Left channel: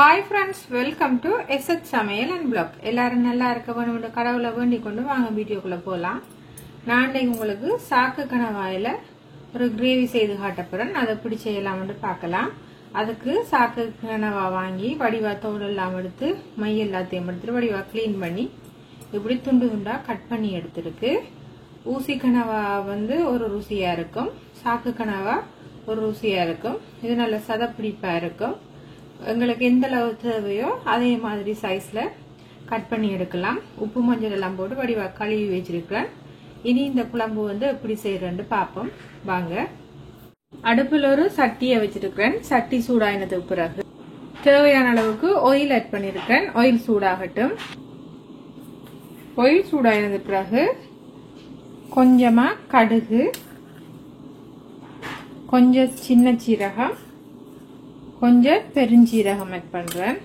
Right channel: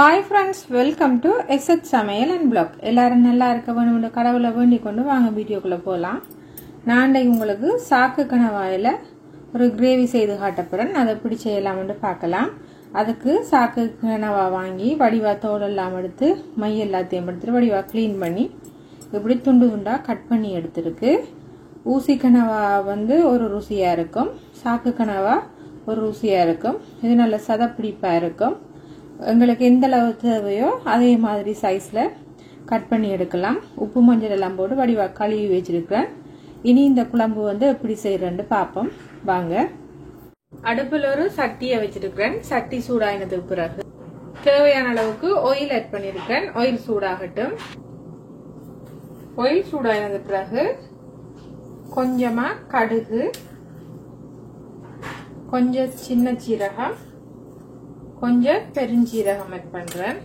Hi friends, welcome to SH சமையல் and black. எல்லாரும் நல்லா இருக்க வேணும் கடவுளை வேண்டிக் கொண்டு வாங்க வீடியோக்குள்ள போகலாம். நான் உங்களுக்கு சாக்கு கணவாயில் ஒரு கிரேவி செய்து காட்டப்படுறேன். அதை எப்படி செய்யலாம்னு பார்க்கலாம். அதுக்கு சாக்கு கனவா வாங்கி வடிவா தோலெல்லாம் எடுத்து மை எல்லாத்தையும் எடுத்துட்டு வடிவா கிளீன் பண்ணி இப்படி துண்டு துண்டா கட் பண்ணி எடுத்துருக்கு. ஊசி கனவா ஒரு ருசியா இருக்கும், சாக்கு கனவா ஒரு ருசியா இருக்கும். இது நல்ல சதப்பிடிப்பா இருக்கும். எங்களுக்கு எந்த அளவு தேவையோ அதே மாதிரி சைஸ்ல கட் பண்ணி எடுக்கலாம். உப்பு மஞ்சள் எல்லாம் போட்டு வடிவா கழுவி வச்சிருக்கிறேன். இனி இந்த குழம்பு எப்படி செய்யறேன்னு பார்ப்போம் வாங்க. அடுப்புல ஒரு சட்டியை வச்சிருக்கிறேன். சட்டி சூடாயினதுக்கு பிறகு தேவையான அளவுக்கு ஆயில் ஆட் பண்ணிருக்கேன். ஆயில் சூடாகட்டும். ஆயில் சூடாயினது பிறகு கொஞ்சமா கடுகு, கொஞ்சம் சின்ன சீரகம், கொஞ்சம் பெருஞ்சீரகம் ஆட் பண்றேன்.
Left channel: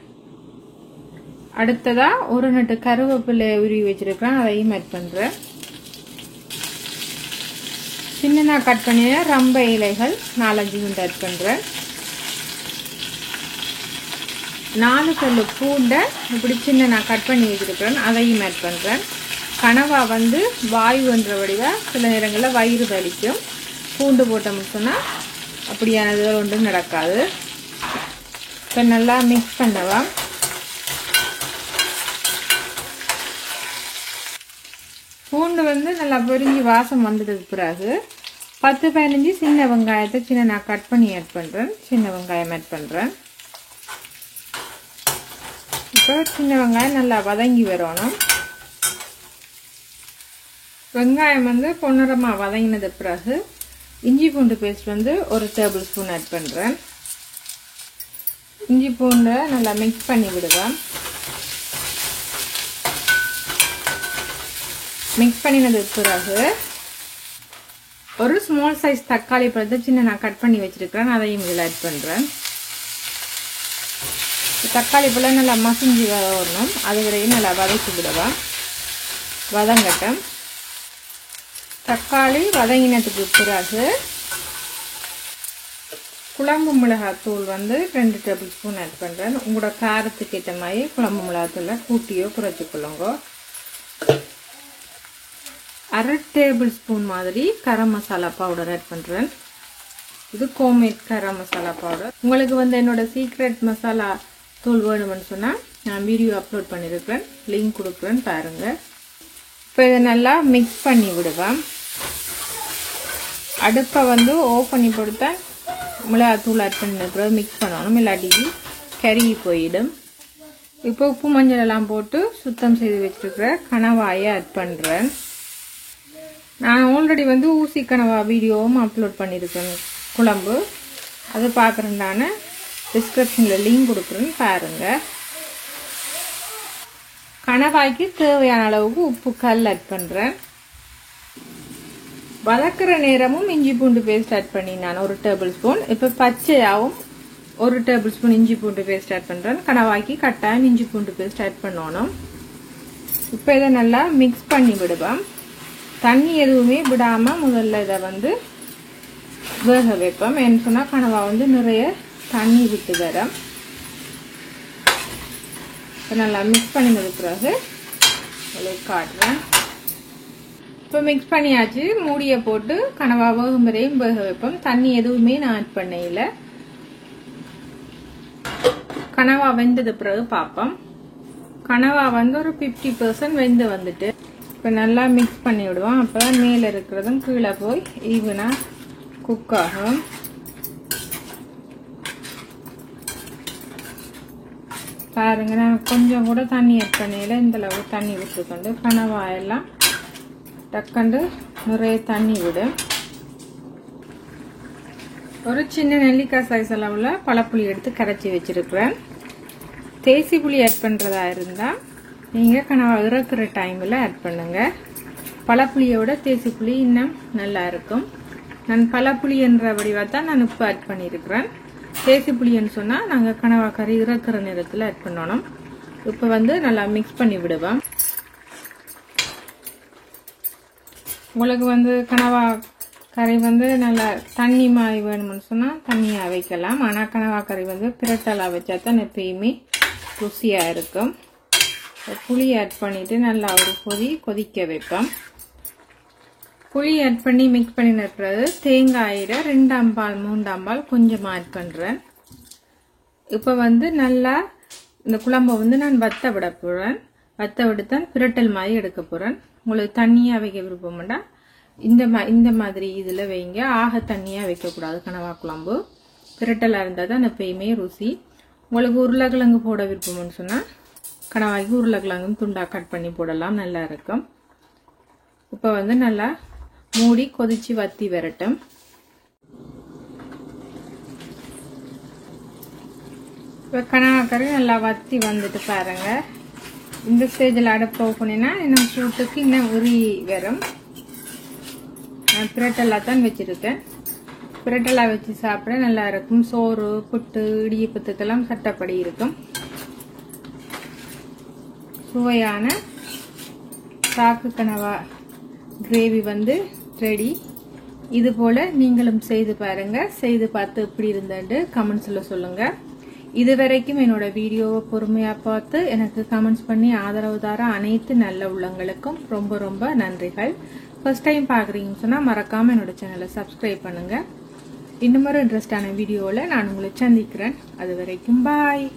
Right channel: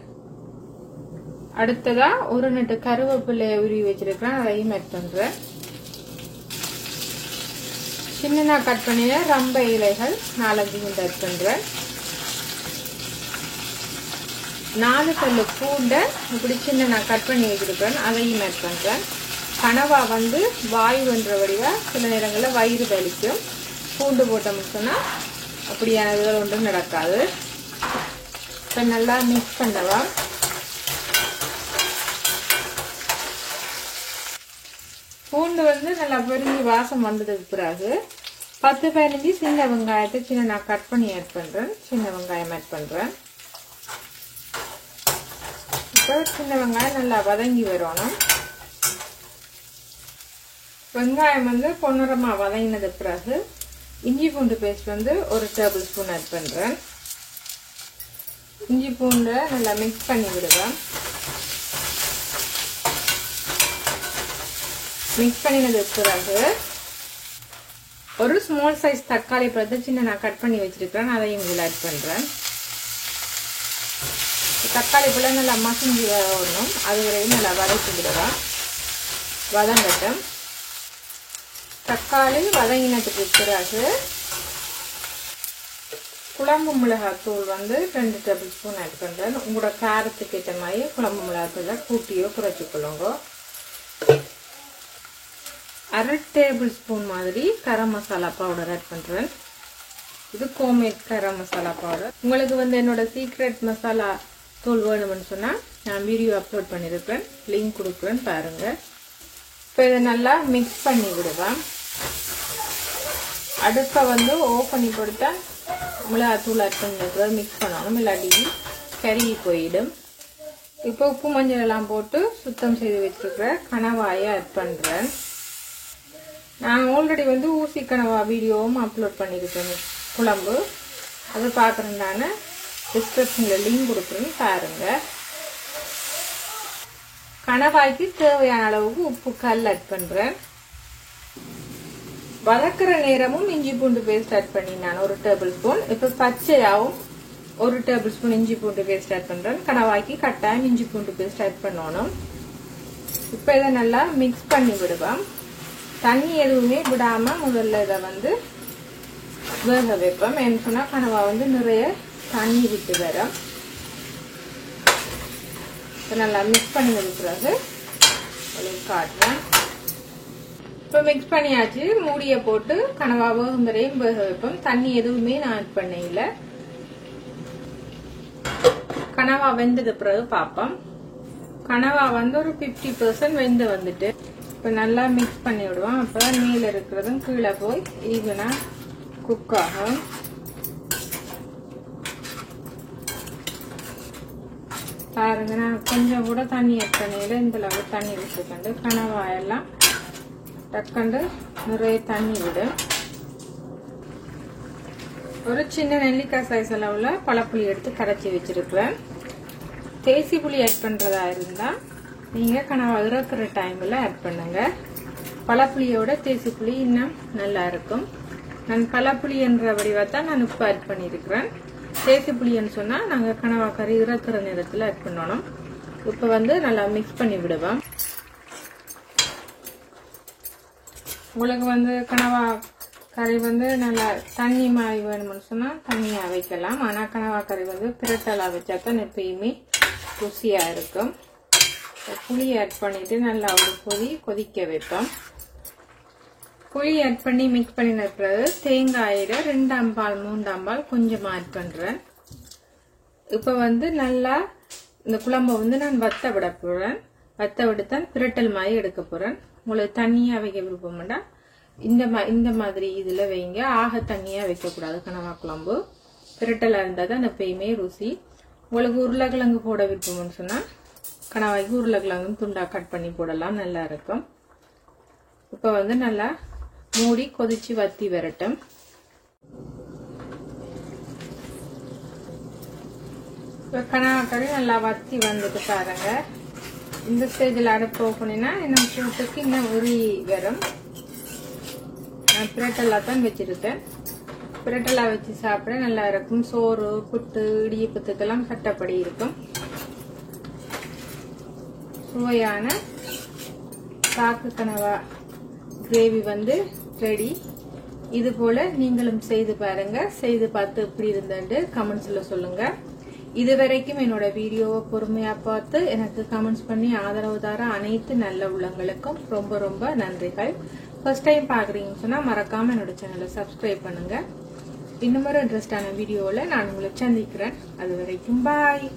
அடுத்ததா ஒரு நட்டு கருவேப்பிலை உருவி வச்சிருக்கேன், அதையும் ஆட் பண்றேன். சின்ன கட் பண்ணிய ரம்ப இலைகள் 4-5 ஆட் பண்றேன். 4 பல்லு பூண்டை இப்படி சின்ன கட் பண்ணி வச்சிருக்கேன், அதையும் ஆட் பண்றேன். கனவா வாயு என்ற வடிவா சில நேரங்களில் வயிறு வலிக்கும். பூண்டு போட்டோம்னு சொன்னா அப்படியானது ஒன்றும் நடக்காது. நல்லா மிக்ஸ் பண்ணலாம். பூண்டு நல்லா பொரிஞ்சு வாசம் வந்ததுக்கு பிறகு 10-15 சின்ன வெங்காயத்தை சின்ன கட் பண்ணி ஆட் பண்றேன். சின்ன வெங்காயம் ஆட் பண்றேன். இப்போ சின்ன வெங்காயம் நல்லா வதங்கி வரணும். வெங்காயம் பொன்னரமா வதங்கினது பிறகு இஞ்சி பூண்டு பேஸ்ட் 1 டேபிள் ஸ்பூன் ஆட் பண்றேன். இஞ்சி பூண்டை நல்லா மிக்ஸ் பண்ணி விடுவேன். மிக்ஸ் பண்ணினது பிறகு ஒரு ஸ்மால் சைஸ் தக்காளி பழத்தை சின்ன கட் பண்ணி வச்சிருக்கேன், அதையும் இதில் ஆட் பண்றேன். தக்காளி பழம் நல்லா மசிஞ்சு வரணும், அது வரையும் நல்லா வதக்கி விடுவேன். வதங்கட்டும். தக்காளி வதங்கினதுக்கு பிறகு குழம்பு மிளகாய் தூள் 2 டேபிள் ஸ்பூன் ஆட் பண்றேன். உங்களோட காரத்துக்கு ஏற்ற மாதிரி குழம்பு மிளகாய் தூளை கூட்டியோ குறைச்சிக்கொள்ளுங்க. 1/2 டேபிள் ஸ்பூன் மாதிரி கரம் மசாலா பவுடர் ஆட் பண்றேன். இது ஹோம்மேட் கரம் மசாலா பவுடர். உங்களுக்கு என்னோட சீக்ரெட் மசாலா தூள் வேணும்னு சொன்னா நான் வீடியோ அப்லோட் பண்ணிருக்கேன், லிங்க் கொடுக்குறேன் பாருங்க. இப்போ இதை நல்லா மிக்ஸ் பண்ணி விடுவேன். அடுப்பை ஆஃப் பண்ணி கொடுத்தா மிளகாய் தூள் ஆட் பண்ண மிக்ஸ் பண்ணணும், இல்லாட்டி கருகி போயிடும். இப்போ உப்பு மஞ்சள் எல்லாம் போட்டு சுத்தம் செய்து வச்சிருக்கிற கனவாயை ஆட் பண்றேன். நான் ஆல்ரெடி ஊசி கனவா வீடியோவும் அப்லோட் பண்ணிருக்கேன் குழம்பு. அது பாக்குறேன், டிஸ்கிரிப்ஷன்ல லிங்க் கொடுக்குறேன்னு பாருங்க. கனவாய்க்கு தேவையான அளவுக்கு உப்பு கல் ஆட் பண்றேன். வதக்குற நேரமும் இஞ்சி பூண்டு பேஸ்ட் ஆட் பண்ணி நான் 1 டேபிள் ஸ்பூன். இப்ப பச்சையாவும் 1 டேபிள் ஸ்பூன் இஞ்சி பூண்டு பேஸ்ட் ஆட் பண்றேன். கனவாய்க்கு கட்டாயம் இஞ்சி பூண்டு பேஸ்ட் ஆட் பண்ணணும். இப்ப இதை நல்லா மிக்ஸ் பண்ணி விடுவேன். தண்ணி எதுவுமே விடாம முதல்ல இதை வேக வைப்போம். என்ன சொன்னா கனவா நிறைய தண்ணி விட்டு வரும். நல்லா மிக்ஸ் பண்ணி முடிக்கிறது காட்டுறேன். இப்போ மிக்ஸ் பண்ணியாச்சு. மூடிய போட்டு கனவா வேகும் வரையும் வேக வைப்போம். தண்ணி எதுவுமே நான் ஆட் பண்ண இல்ல. கனவா வெந்தது பிறகு பார்ப்போம். கனவா ஒரு 50% வெந்து வந்துட்டு இப்ப நல்லா மிக்ஸ் பண்ணி விடுவோம். அப்பதான் மேல இருக்கிறதும் கீழே போய் ஈவனா குக் ஆகும். பாருங்க, நான் கொஞ்சம் கூட தண்ணி ஆட் பண்ணல. இந்த அளவு தண்ணி விட்டுக்கொண்டு கனவா எல்லாம் டக்கண்டு நிறைய தண்ணி விடும். ஒரு சின்ன நெல்லிக்காய் சைஸ் அளவுல பழப்புளி எடுத்து கரைச்சி வச்சிருக்கிறேன். தேசி புளி ஆட் பண்றதா இருந்தா நீங்க கனவா இறக்குற டைம்ல ஆட் பண்ணுங்க. பழப்புளியோட தேசி புளி இன்னும் நல்லா இருக்கும். நான் பழப்புளி என்ற வடிவத்தான் நான் உப்பு ஆட் பண்ணிருக்கிறேன். தேசி புளின்னு சொன்னா நாங்க கனவா கறி இறக்குற நேரத்துல ஆட் பண்ணணும். இப்ப நல்லா மிக்ஸ் பண்ணி விடுவோம். உங்களுக்கு கனவா கறி வந்து நல்லா தண்ணி மாதிரி வேணும்னு சொன்னா தண்ணியா வைக்கலாம். ஆனா கனவா கறி வந்து பிரட்டலா வச்சா தான் எப்பயுமே ருசியா இருக்கும். புளி ஆட் பண்ணிட்டு நல்லா ஒரு கொதிக்க வைப்போம். புளி ஆட் பண்ணி மிக்ஸ் பண்ணி நிற்கிறது. தேங்காயில 2 அம்பால் 3 அம்பால் கொஞ்சமா ஆட் பண்றேன். இப்ப வந்து நல்லா இந்த குழம்பை வந்து நான் வத்த விட போறேன். வத்த விடுத்தான் பிரட்டல் மாதிரி எடுக்க போறேன். உங்களுக்கு தண்ணியா வைக்க விருப்பம்டா இந்த மாதிரி இதுல வைங்க. ஆக தண்ணியா வைக்க கூடாது. கனவா குழம்பு பிரட்டலா இருந்தா தான் எப்பயுமே ருசி. உங்களுக்கு உருளைக்கிழங்கு போட விருப்பம்னு சொன்னா கனவாய்க்கு உருளைக்கிழங்கும் துண்டா கட் பண்ணி போடலாம், நல்லா இருக்கும். இப்ப வந்து நல்லா மூடி கொதிச்சு வத்தி வரட்டும். இப்ப கனவா கறி நல்லா வத்தி வந்துட்டு பாருங்க. இந்த ஸ்டேஜில் அடுப்பு ஆஃப் பண்ணினா இன்னும் சூட்டுக்கு இன்னும் உரி வரும். பிரட்டலா தான் வச்சிருக்கேன். பிரட்டலா வச்சு சாப்பிட நல்லா இருக்கும். சோறு புட்டு இடியப்பத்துக்கெல்லாம் சட்டப்படி இருக்கும். சுவையான சாக்கு கனவா கிரேவி வந்து ரெடி. இது போல நீங்களும் செய்து பாருங்க. செய்து பார்த்து எப்படி இருந்தது கமெண்ட்ஸ்ல சொல்லுங்க. இதுவரைக்கும் என்னோட வீடியோவை பொறுமையா பார்த்து எனக்கு கமெண்ட்ஸ் பண்ணி ஆதரவு தர அனைத்து நல்ல உள்ளங்களுக்கும் ரொம்ப ரொம்ப நன்றிகள். ஃபர்ஸ்ட் டைம் பாக்குறீங்கன்னு சொன்னா மறக்காம என்னோட சேனலை சப்ஸ்கிரைப் பண்ணுங்க. இன்னும் ஒரு இன்ட்ரெஸ்டான வீடியோல நான் உங்களை சந்திக்கிறேன். அது வரைக்கும் பாய்.